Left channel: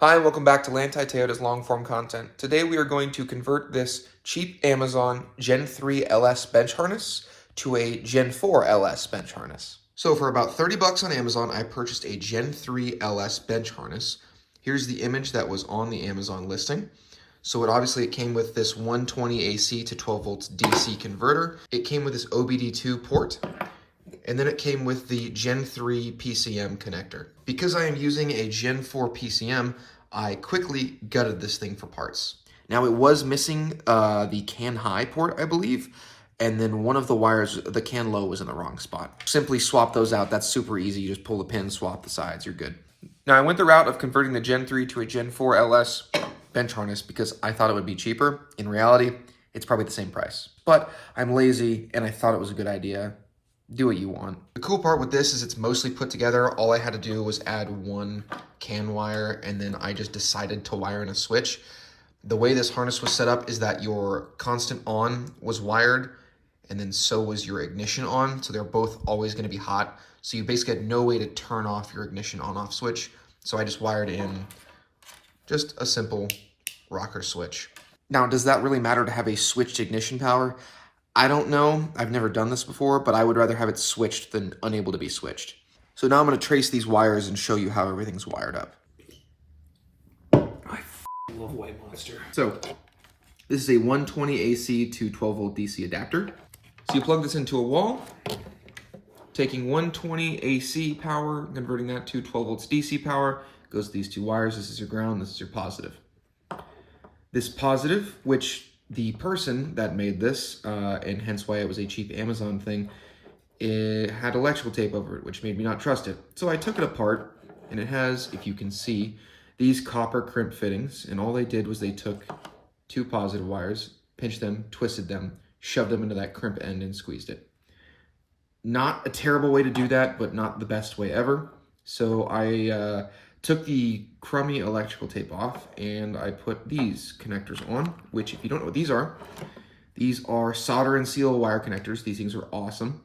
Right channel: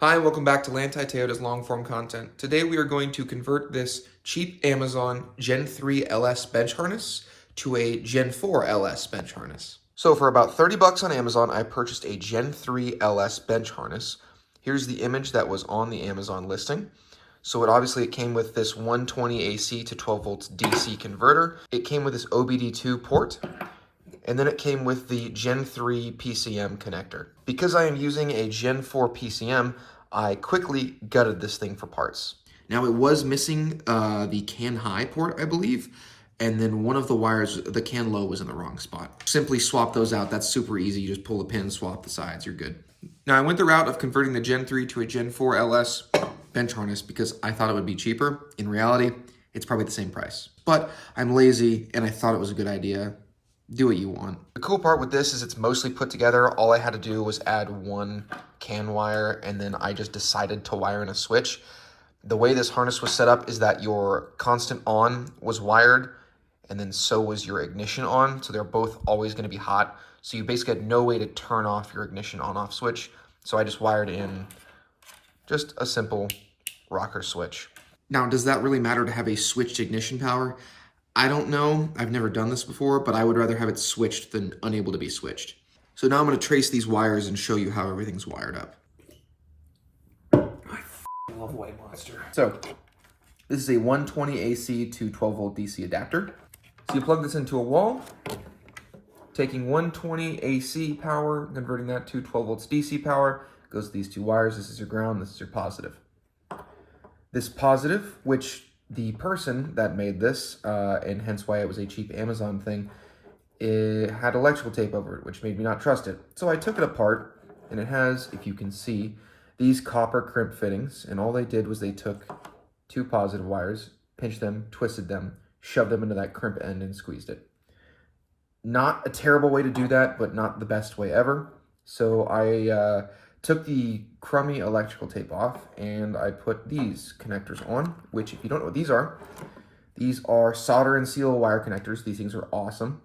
Hi, and welcome back to Lantai Toyota's long-form content. Today we are going to convert this cheap Amazon Gen 3 LS bench harness to a Gen 4 LS bench harness. So for about 30 bucks on Amazon, I purchased a Gen 3 LS bench harness. Here's the image that was on the Amazon listing. So it came with this 120 AC to 12 volts DC converter. It came with this OBD2 port. And then it came with the Gen 3 PCM connector. Because I am using a Gen 4 PCM, I quickly gutted this thing for parts. Now it was missing the CAN high port, I believe, and then one of the wires, the CAN low, was in the wrong spot. Simply swap those out. That's super easy. You just pull the pin, swap the sides, you're good. Now I went the route of converting the Gen 3 to a Gen 4 LS bench harness because I thought it would be cheaper. In reality, it's probably the same price. But I'm lazy and I thought it was a good idea. Do what you want. The cool part with this is it's mostly put together. All I had to do was add one CAN wire, and then I just decided to wire in a switch. The way this harness was set up is that your constant on was wired, and then so was your ignition on, so they're both always going to be hot. So you basically had no way to turn off your ignition on-off switch. So I just wired in just a simple rocker switch. Now, does that really matter to have a switched ignition power? I don't know, I've never done this before, but I would rather have it switched than unable to be switched. So now I'm going to trace these wires and show you how everything's wired up. I love White Monster. So this is a 120 AC to 12 volt DC adapter. So you plug this into a wall, taking 120 AC power, converting that to 12 volts DC power, goes to these two wires. This is your ground, this is your positive. This positive, which the person that made this, and hence why it was a cheap Amazon thing, it had electrical tape over it, which made me not trust it. So I took it apart, and it has, if you can see, these copper crimp fittings, and all they did was they took two positive wires, pinched them, twisted them, shoved them into that crimp end, and squeezed it. Not a terrible way to do that, but not the best way ever. So I took the crummy electrical tape off and I put these connectors on, which if you don't know what these are solder and seal wire connectors. These things are awesome.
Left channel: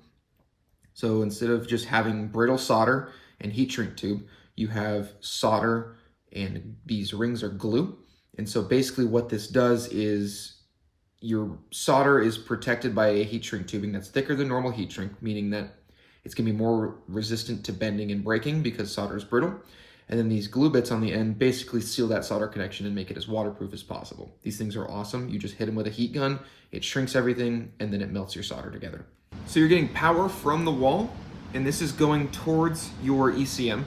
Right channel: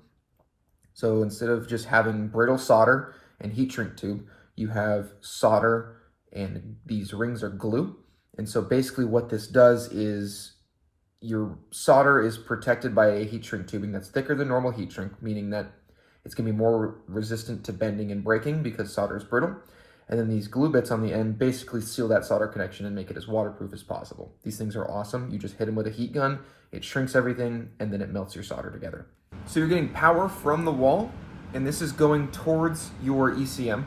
So instead of just having brittle solder and heat shrink tube, you have solder and these rings are glue. And so basically what this does is your solder is protected by a heat shrink tubing that's thicker than normal heat shrink, meaning that it's gonna be more resistant to bending and breaking because solder is brittle. And then these glue bits on the end basically seal that solder connection and make it as waterproof as possible. These things are awesome. You just hit them with a heat gun, it shrinks everything, and then it melts your solder together. So you're getting power from the wall, and this is going towards your ECM.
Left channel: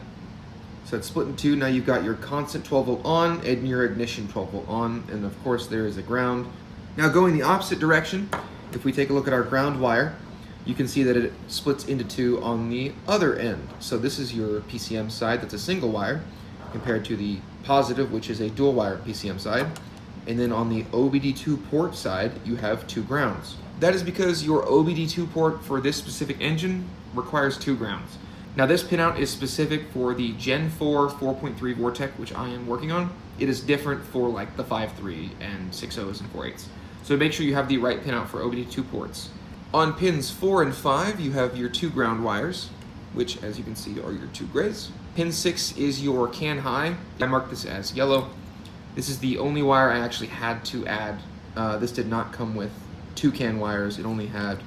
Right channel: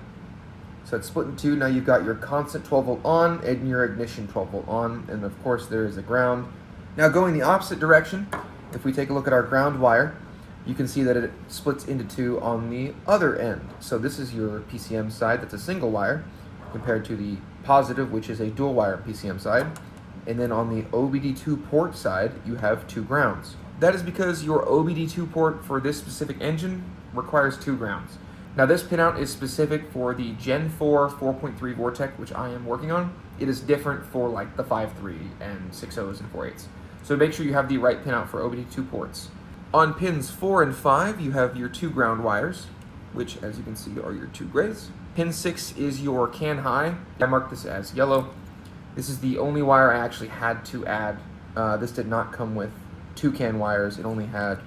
So it's split in two. Now you've got your constant 12 volt on and your ignition 12 volt on, and of course there is a ground. Now going the opposite direction, if we take a look at our ground wire, you can see that it splits into two on the other end. So this is your PCM side, that's a single wire, compared to the positive, which is a dual wire PCM side. And then on the OBD2 port side, you have two grounds. That is because your OBD2 port for this specific engine requires two grounds. Now this pinout is specific for the Gen 4 4.3 Vortec, which I am working on. It is different for like the 5.3 and 6.0s and 4.8s. So make sure you have the right pinout for OBD2 ports. On pins 4 and 5, you have your two ground wires, which as you can see are your two grays. Pin 6 is your CAN high. I marked this as yellow. This is the only wire I actually had to add. This did not come with two CAN wires. It only had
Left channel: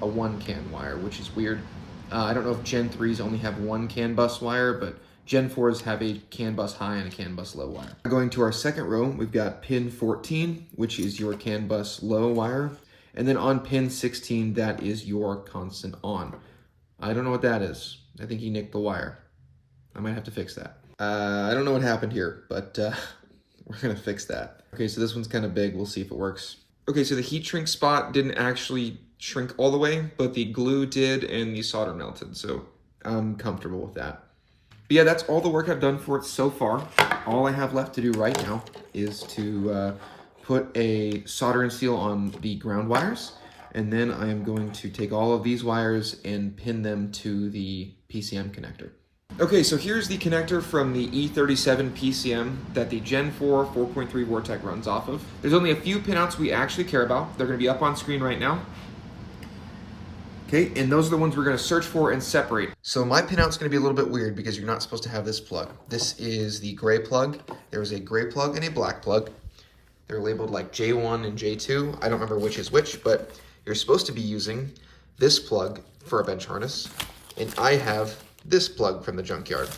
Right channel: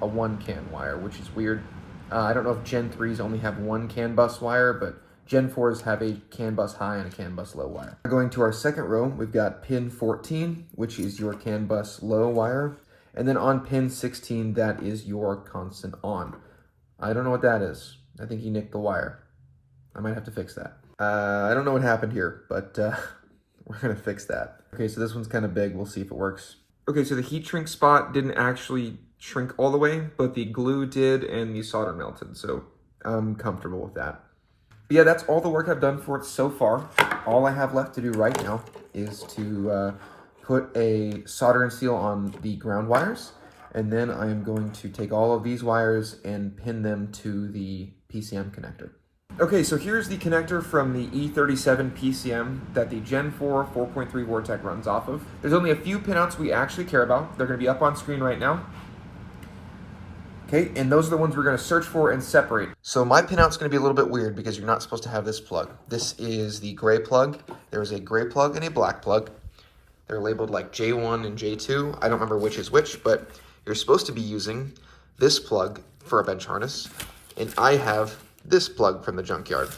a one CAN wire, which is weird. I don't know if Gen 3s only have one CAN bus wire, but Gen 4s have a CAN bus high and a CAN bus low wire. Going to our second row, we've got pin 14, which is your CAN bus low wire. And then on pin 16, that is your constant on. I don't know what that is. I think he nicked the wire. I might have to fix that. I don't know what happened here, but we're gonna fix that. Okay, so this one's kind of big. We'll see if it works. Okay, so the heat shrink spot didn't actually shrink all the way, but the glue did and the solder melted, so I'm comfortable with that. But yeah, that's all the work I've done for it so far. All I have left to do right now is to put a solder and seal on the ground wires, and then I am going to take all of these wires and pin them to the PCM connector. Okay, so here's the connector from the E37 PCM that the Gen 4 4.3 Vortec runs off of. There's only a few pinouts we actually care about. They're going to be up on screen right now. Okay, and those are the ones we're gonna search for and separate. So my pinout's gonna be a little bit weird because you're not supposed to have this plug. This is the gray plug. There is a gray plug and a black plug. They're labeled like J1 and J2. I don't remember which is which, but you're supposed to be using this plug for a bench harness, and I have this plug from the junkyard.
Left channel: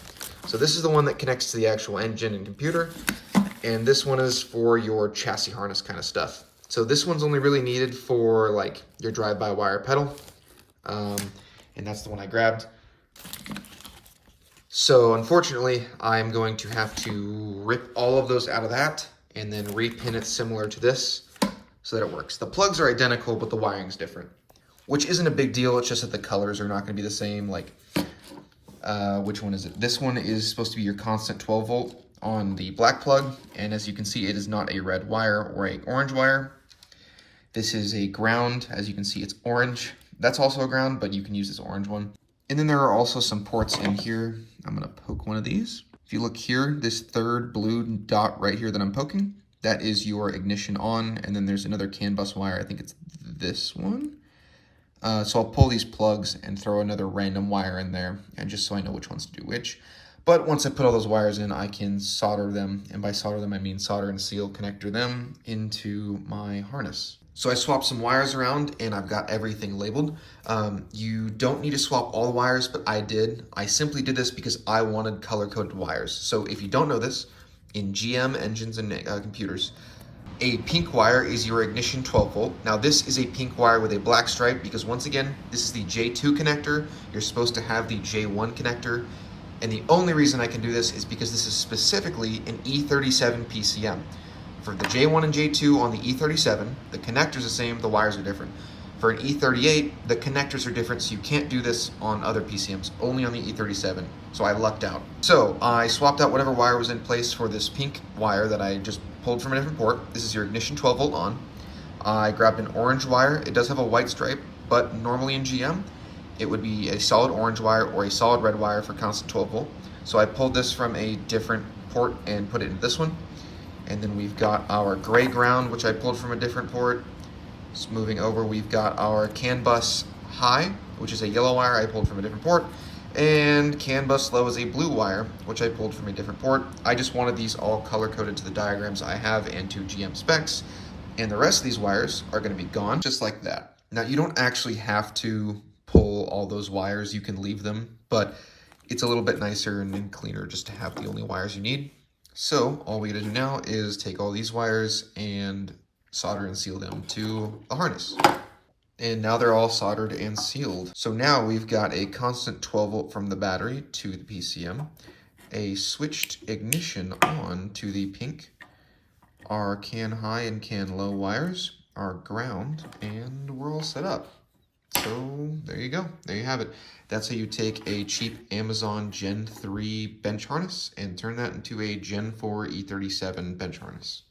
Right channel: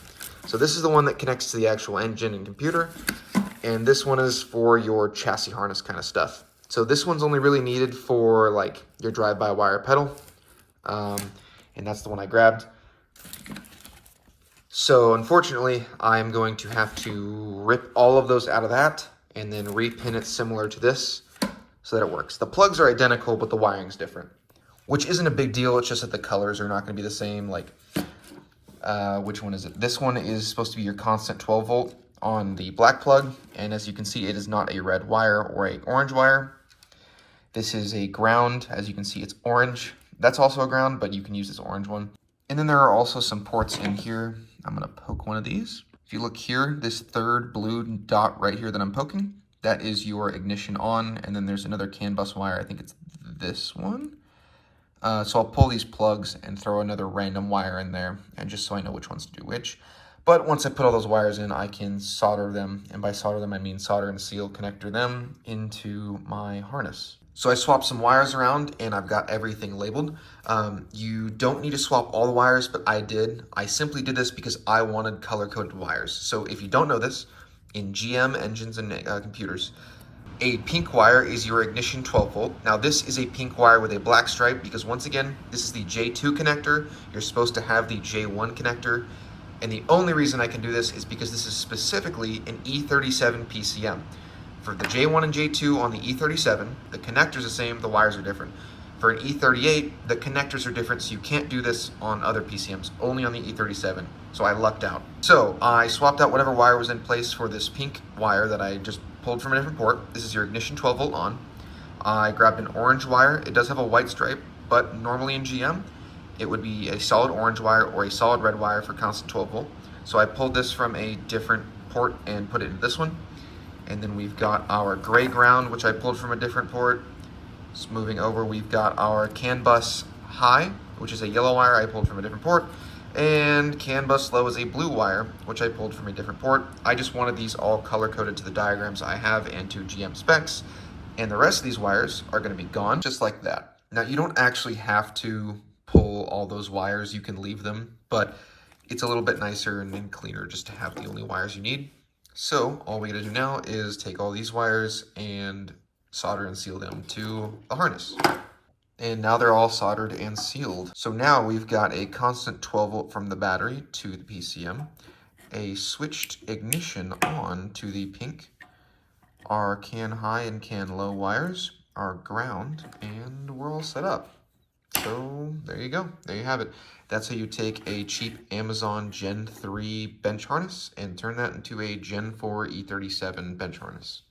So this is the one that connects to the actual engine and computer, and this one is for your chassis harness kind of stuff. So this one's only really needed for like your drive-by-wire pedal, and that's the one I grabbed. So unfortunately, I'm going to have to rip all of those out of that and then repin it similar to this so that it works. The plugs are identical, but the wiring's different, which isn't a big deal. It's just that the colors are not going to be the same. Like, which one is it? This one is supposed to be your constant 12 volt on the black plug, and as you can see, it is not a red wire or a orange wire. This is a ground. As you can see, it's orange. That's also a ground, but you can use this orange one. And then there are also some ports in here. I'm gonna poke one of these. If you look here, this third blue dot right here that I'm poking, that is your ignition on, and then there's another CAN bus wire. I think it's this one. So I'll pull these plugs and throw another random wire in there, and just so I know which ones to do which. But once I put all those wires in, I can solder them, and by solder them, I mean solder and seal connector them into my harness. So I swapped some wires around, and I've got everything labeled. You don't need to swap all the wires, but I did. I simply did this because I wanted color-coded wires. So if you don't know this, in GM engines and computers, a pink wire is your ignition 12 volt. Now this is a pink wire with a black stripe because once again, this is the J2 connector. You're supposed to have the J1 connector. And the only reason I can do this is because this is specifically an E37 PCM. For the J1 and J2 on the E37, the connector's the same, the wires are different. For an E38, the connectors are different, so you can't do this on other PCMs, only on the E37. So I lucked out. So I swapped out whatever wire was in place for this pink wire that I just pulled from a different port. This is your ignition 12 volt on. I grabbed an orange wire. It does have a white stripe, but normally in GM, it would be a solid orange wire or a solid red wire for constant 12 volt. So I pulled this from a different port and put it in this one. And then we've got our gray ground, which I pulled from a different port. Just moving over, we've got our CAN bus high, which is a yellow wire I pulled from a different port. And CAN bus low is a blue wire, which I pulled from a different port. I just wanted these all color-coded to the diagrams I have and to GM specs. And the rest of these wires are gonna be gone, just like that. Now, you don't actually have to pull all those wires. You can leave them, but it's a little bit nicer and cleaner just to have the only wires you need. So all we gotta do now is take all these wires and solder and seal them to the harness. And now they're all soldered and sealed. So now we've got a constant 12 volt from the battery to the PCM, a switched ignition on to the pink, our CAN high and CAN low wires, our ground, and we're all set up. So there you go, there you have it. That's how you take a cheap Amazon Gen 3 bench harness and turn that into a Gen 4 E37 bench harness.